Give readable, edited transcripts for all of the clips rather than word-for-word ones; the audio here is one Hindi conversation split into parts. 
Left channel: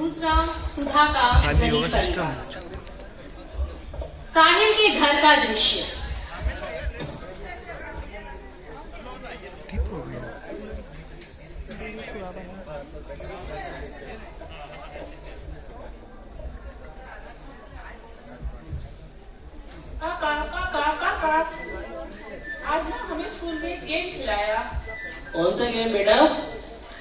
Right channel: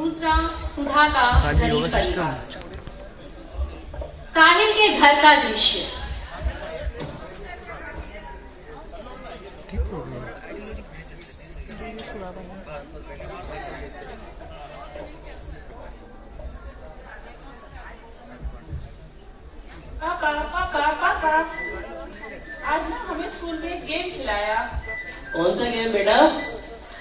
दूसरा सुधा का गरीब परिवार। साहिल के घर का दृश्य। पापा पापा पापा, आज ना हमें स्कूल में एक गेम खिलाया। कौन सा गेम बेटा?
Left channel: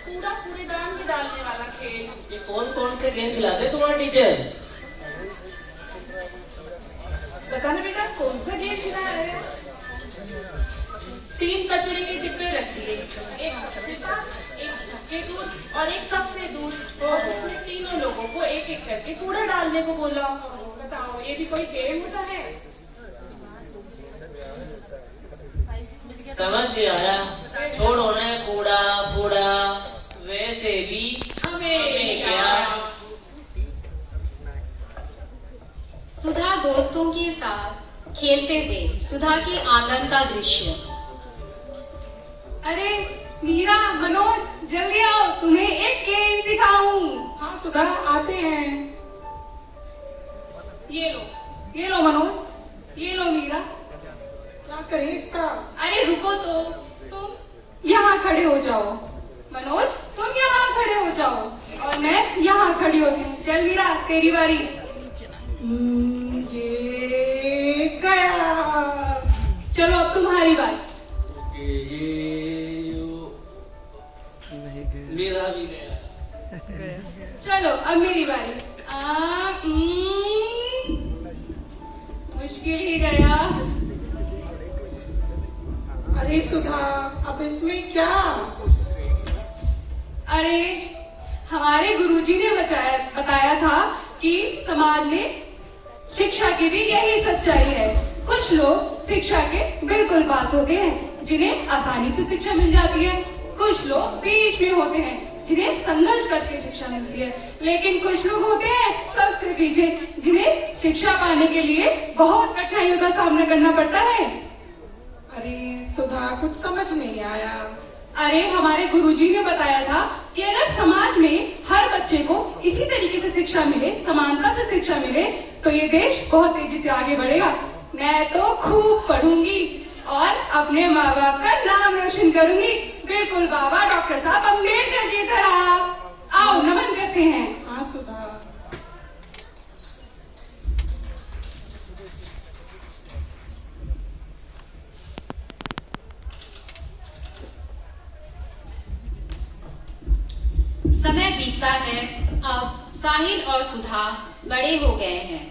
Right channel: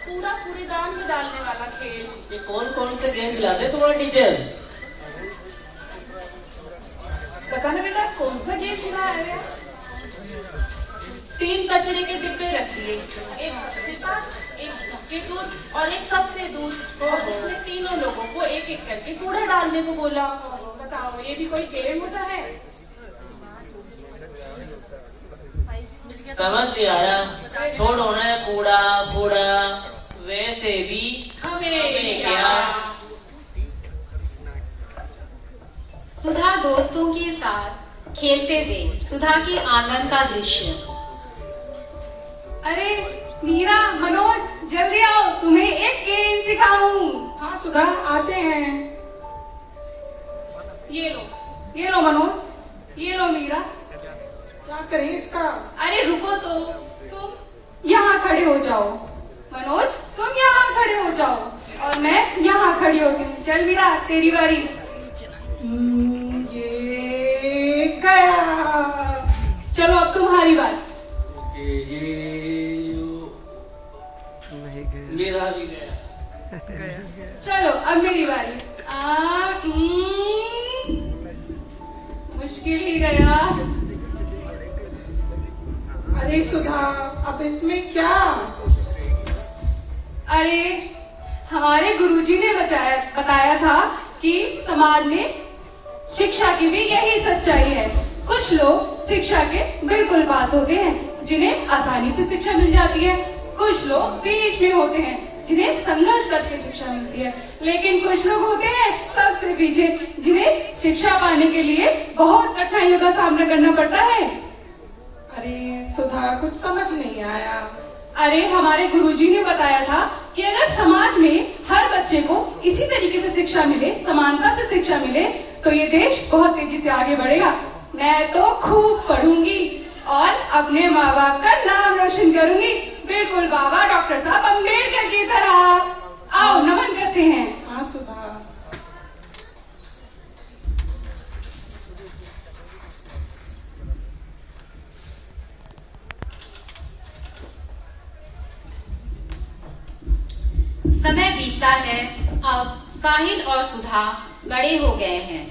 कूड़ा कूड़ेदान में डालने वाला खेल। ये कौन कौन से गेम खिलाते तुम्हारा टीचर? बताना बेटा, कौन सा गेम खिलाया है? 3 कचड़े के डिब्बे रख दिए, एक सबसे पास, एक सबसे दूर और एक सबसे दूर, और उसमें तीनों लोगों को एक एक करके कूड़ा डालने को बोला। बताओ, ये भी कोई गेम होता है? समझ नहीं आया। छोड़ो ना कूड़ा कूड़ा, वैसे भी हमें क्या। सुधा दोस्तों के साथ खेलते हुए सुधा के आंगन का दृश्य। अरे मीरा, मनोज, जल्दी आओ, तुम्हें एक गेम सिखाऊं। हाँ सुधा, आते हैं। ये लो मनोज, ये लो मीरा। क्या करें इसका? अरे रुको तो, तुम यहाँ खड़े हो जाओ। मनोज, तुम यहाँ खड़े हो जाओ और मैं यहाँ खड़ी होती हूँ। चल मीरा, तेरी बारी। ये गया। चलो अब तुम्हारी बारी। मेरा भी गया। चलो अब मेरी बारी। मुश्किल ही गया। अरे सुधा, अब इसमें क्या? अरे हमारे गुरुजी ने बताया था कि समाज में शिक्षा की भी यही सच्चाई है। कुछ लोग शिक्षा के बिल्कुल पास होते हैं, जिन्हें आसानी से शिक्षा मिल जाती है। कुछ लोग बीच में होते हैं, जिन्हें संघर्ष करके शिक्षा मिलती है। लेकिन कुछ लोग होते हैं सबसे पीछे, जिन्हें शिक्षा पाने के लिए बहुत कठिनाइयों का सामना करना पड़ता है। अरे सुधा, कुछ समझ नहीं आया। अरे हमारे गुरुजी ने बताया था कि अगर समाज में हर बच्चे को इसी तरीके से शिक्षा मिले, समानता से शिक्षा मिले, तो ये देश बहुत तेजी से आगे बढ़ेगा। मैं तो खूब पढ़ूंगी और अपने माँ बाप का नाम रोशन करूंगी, बिल्कुल बाबा डॉक्टर साहब अम्बेडकर की तरह। आओ नमन करते हैं। हाँ सुधा। समय बीतता है। अब साहिल और सुधा बड़े हो गए हैं।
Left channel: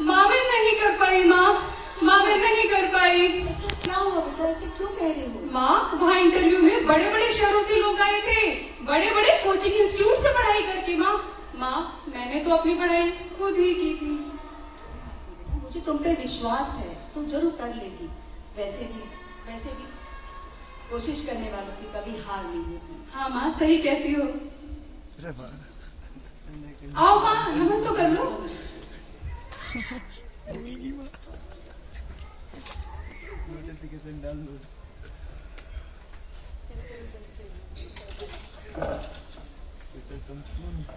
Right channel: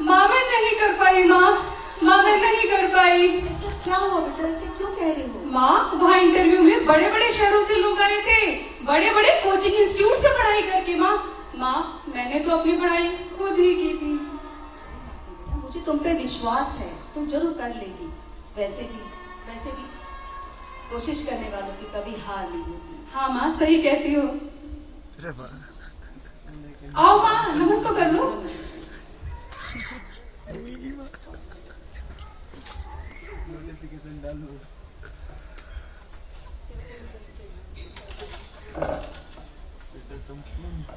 माँ मैं नहीं कर पाई। माँ मैं नहीं कर पाई। क्या हुआ बेटा, ऐसे क्यों कह रही हो? माँ, वहाँ इंटरव्यू में बड़े बड़े शहरों से लोग आए थे, बड़े बड़े कोचिंग इंस्टीट्यूट से पढ़ाई करके। माँ मैंने तो अपनी पढ़ाई खुद ही की थी। मुझे तुम पे विश्वास है, तुम जरूर कर लेगी। वैसे भी कोशिश करने वालों की कभी हार नहीं होती। हाँ माँ, सही कहती हो। आओ माँ, नमन तो कर लो।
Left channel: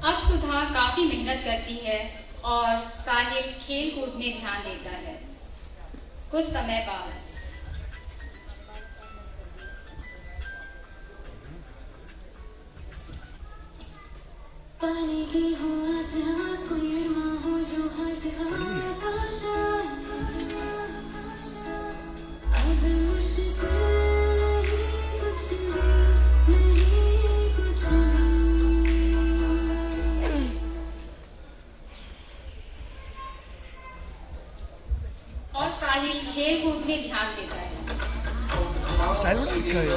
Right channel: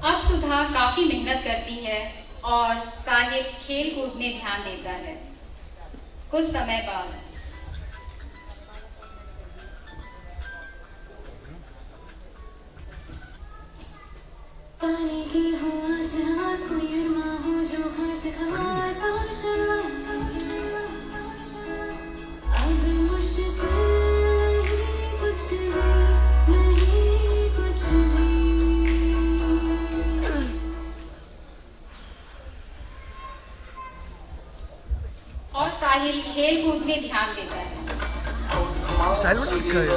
अब सुधा काफी मेहनत करती है और साहिल खेल कूद में ध्यान देता है। कुछ समय बाद पानी की हो आस कोई अरमा हो जो खास खास आशा, अब मुश्किल नहीं कुछ भी, नहीं कुछ भी। और साहिल खेल कूद में ध्यान देता है। साहिल बड़ा लिखा है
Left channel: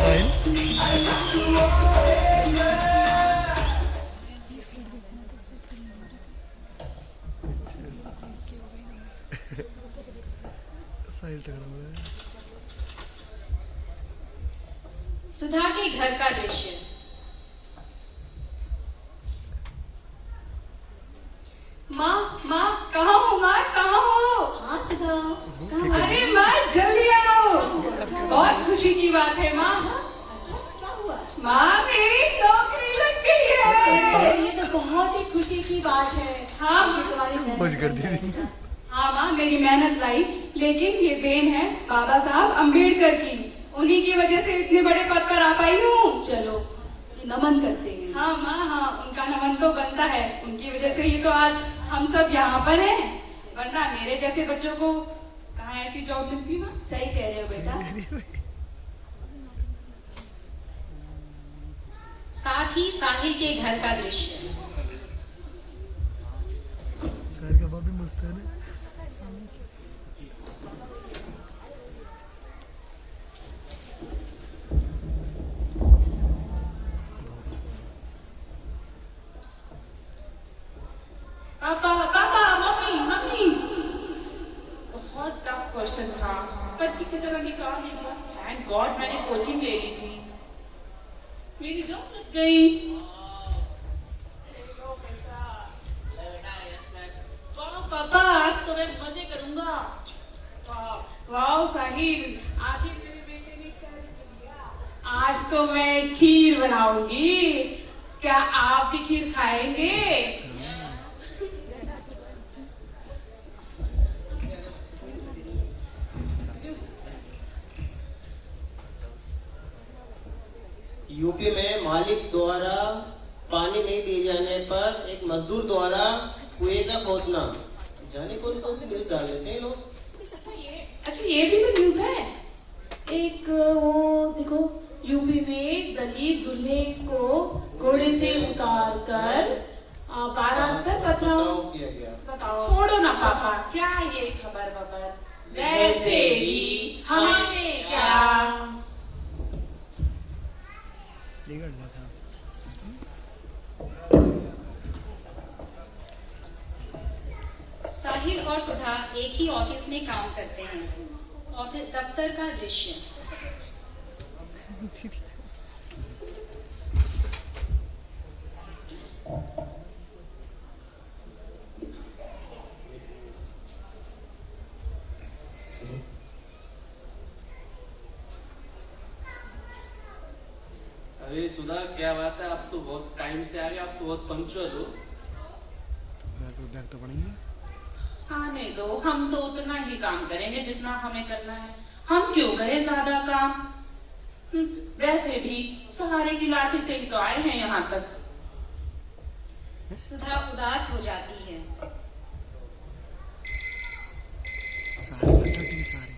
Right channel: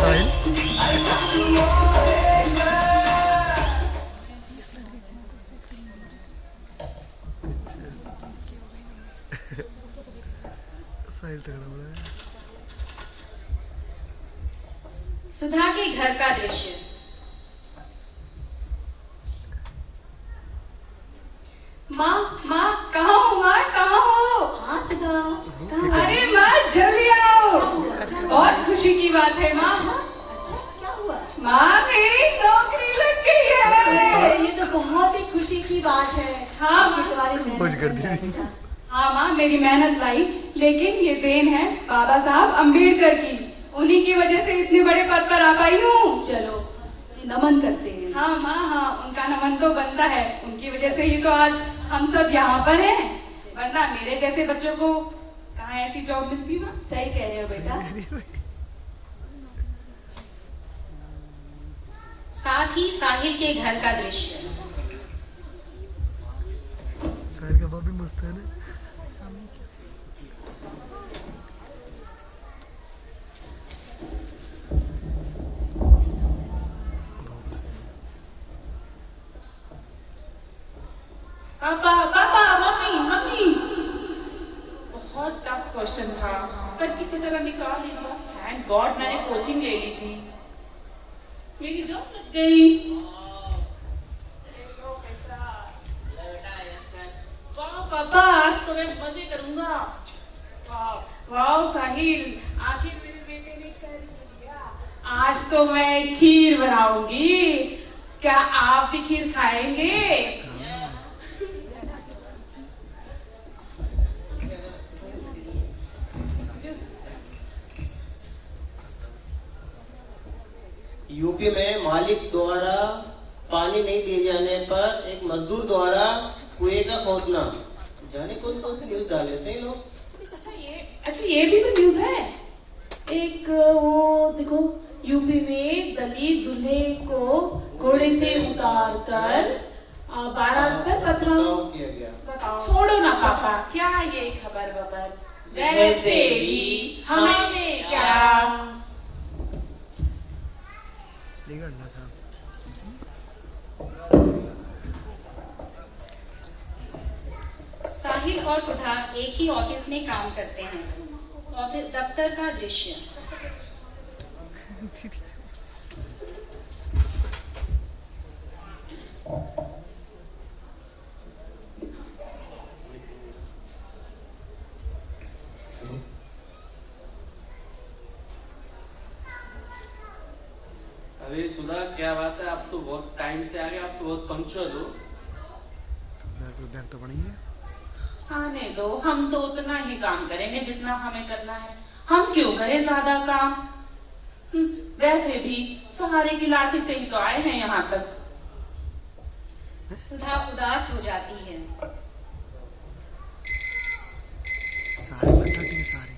साहिल साहिल तगड़ा बड़ा है। सुधा के घर का दृश्य। माँ माँ कहाँ हो माँ कहाँ हो? हाँ सुधा, कहाँ अरे माँ जल्दी आओ, बहुत खुशी की बात है माँ। अच्छा क्या हुआ? माँ मेरी नौकरी लग गई है। ये तो बहुत ही खुशी की बात है। हाँ कि तुम्हारी मेहनत खुश कर दी। बेटा। हाँ माँ मेरी मेहनत लाई, लेकिन ये देन है बाबा साहब अम्बेडकर की। उन्हीं की वजह से इतने बड़े पद पर आ पाई हूँ। चलो नमन करते हैं। हाँ माँ हाँ, उनका नमन तो बनता है। उनकी वजह से ही तो आज हम सब यहाँ पर हैं, वरना मेरे जैसे बच्चों को कहाँ ऐसी जॉब मिलती माँ। सही कह रहे हो बेटा। साथ ही साहिल के घर का दृश्य। साहिल का बाप भी मस्त है ना। पापा पापा मम्मी मम्मी, बहुत टफ क्वेश्चन था पर किसी तरह निकाल लिया। थैंक गॉड मैंने कोचिंग ले ली थी, मेरी जॉब लग गई। वाह पापा आज तो मैं मजे करूंगा। वाह साहिल, आखिर मेरे बेटे ने कर दिया। आज तो मैं खीर बनाऊंगी, क्या आप भी खीर खाएंगे? यूपी में मालिक द्वारा पानी नहीं दिए जाने पर एक मजदूर द्वारा कुएं का खोदना। जाने कौन कौन सी न्यूज डाल देते हैं लोग। अच्छा ये भी तो न्यूज है। एक वो देखो, यूपी में दलित दूल्हे को घोड़े से उतार कर बारात पर पथराव किया गया। बताओ। छोड़ो ना पापा, क्या ये खबर बबर, वैसे भी हमें क्या। निकलना था। साहिल और सुधा एक ही ऑफिस में काम करते हैं। ऑफिस दफ्तर का दृश्य। अरे सुधा क्या बात है, आप तो बहुत टाइम से आ गए, आप तो बहुत पंक्चुअल हो। बैग तो पड़ेंगे। आने दो, हम तो उतना ही काम करेंगे जितना हमें करना है। हम क्यों करें ज्यादा काम। वैसे भी सहारे की लाठी से ही तो आए हैं यहाँ तक। सुधा उदास हो जाती है। सारे बैठा सारे।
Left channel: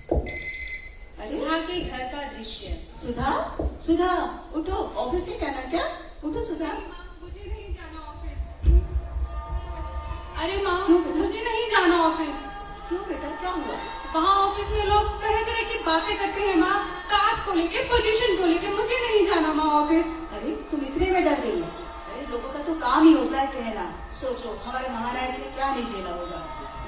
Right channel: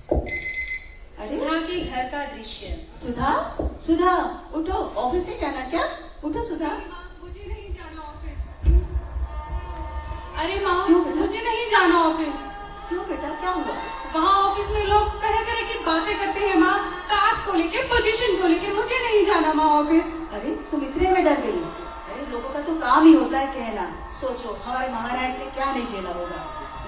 सुधा के घर का दृश्य। सुधा, सुधा उठो, ऑफिस नहीं जाना क्या? उठो सुधा। मुझे नहीं जाना ऑफिस। अरे माँ क्यों बेटा? मुझे नहीं जाना ऑफिस। क्यों बेटा, क्या हुआ? वहाँ ऑफिस में लोग तरह तरह की बातें करते हैं माँ, कास्ट को लेके, पोजीशन को लेके। मुझे नहीं जाना माँ ऑफिस। अरे तुम इतने में डर गई? अरे लोगों का तो काम ही होता है कहना। सोचो हमारे महाराज ने क्या नहीं झेला होगा,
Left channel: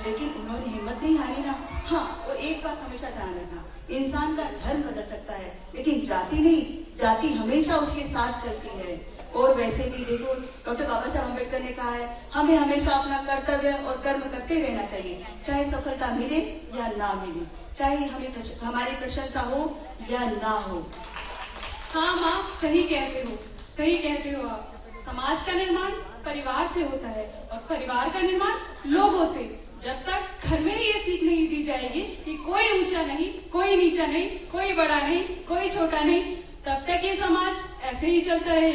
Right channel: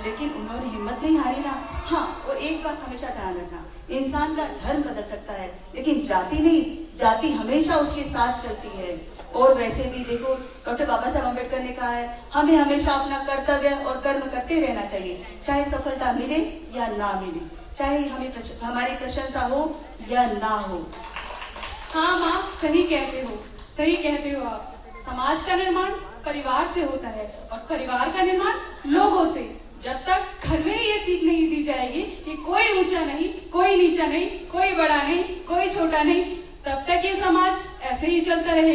लेकिन उन्होंने हिम्मत नहीं हारी ना। हाँ, और एक बात हमेशा ध्यान रखना, इंसान का धर्म बदल सकता है लेकिन जाति नहीं। जाति हमेशा उसके साथ चलती है। और वैसे भी देखो, डॉक्टर बाबा साहब अम्बेडकर ने कहा है, हमें हमेशा अपना कर्तव्य और कर्म करते रहना चाहिए, चाहे सफलता मिले या ना मिले, चाहे हमारी प्रशंसा हो या ना हो। हाँ माँ सही कहते हो, सही कहते हो आप। समाज का निर्माण परिवार से होता है और परिवार का निर्माण लोगों से। जब तक घर में ये सीख नहीं दी जाएगी कि कोई ऊंचा नहीं, कोई नीचा नहीं, कोई बड़ा नहीं, कोई छोटा नहीं, तब तक ये समाज ऐसे ही चलता रहेगा।